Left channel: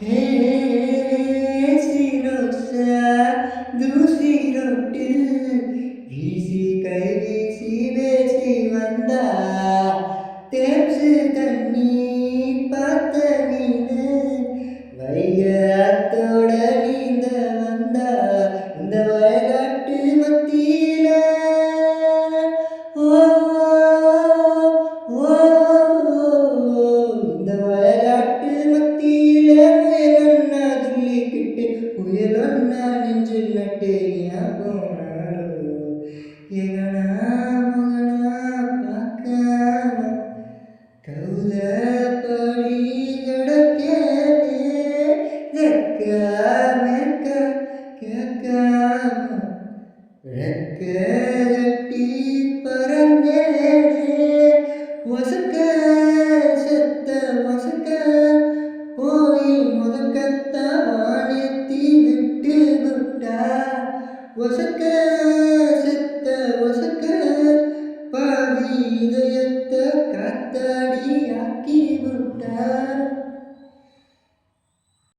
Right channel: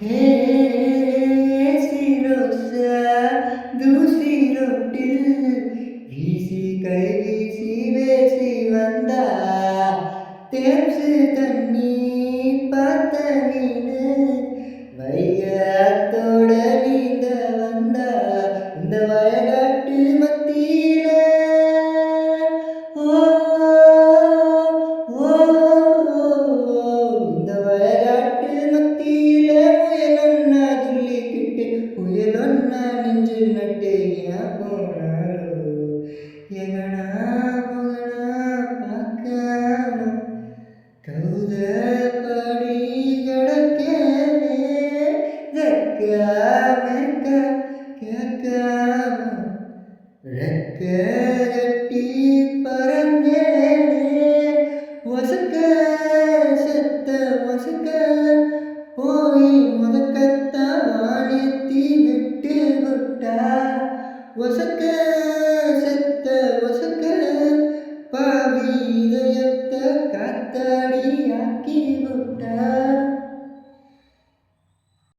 हे serosa दूसरी रोटिल வீசி கை வீசி பேசி வந்தா தேம்சு தண்ணி பார்த்த மீனு வைகத்தோட நீந்த வந்தா இந்த வயகாட்டு மத்தியில ஓ ஓ இந்த வயகாட்டு மத்தியில முயலொன்னா துள்ளிக்கிட்டு புயலொன்னா நெஞ்சில் நட்டு ஏன் போனாலோ எகனா மகனா பார்க்காம கௌத படி கிடக்கேனே ரெக்காமேக்க கேட்காம ரெக்க கட்டி பறந்தேனே ஒசக்க செத்த ஒசக்க போய் முதக்கத்தான் வானேத்தி விட்டு விட்டா ஒசக்க செத்த ஒசக்க பாவி இதயத்தை காத்தாடி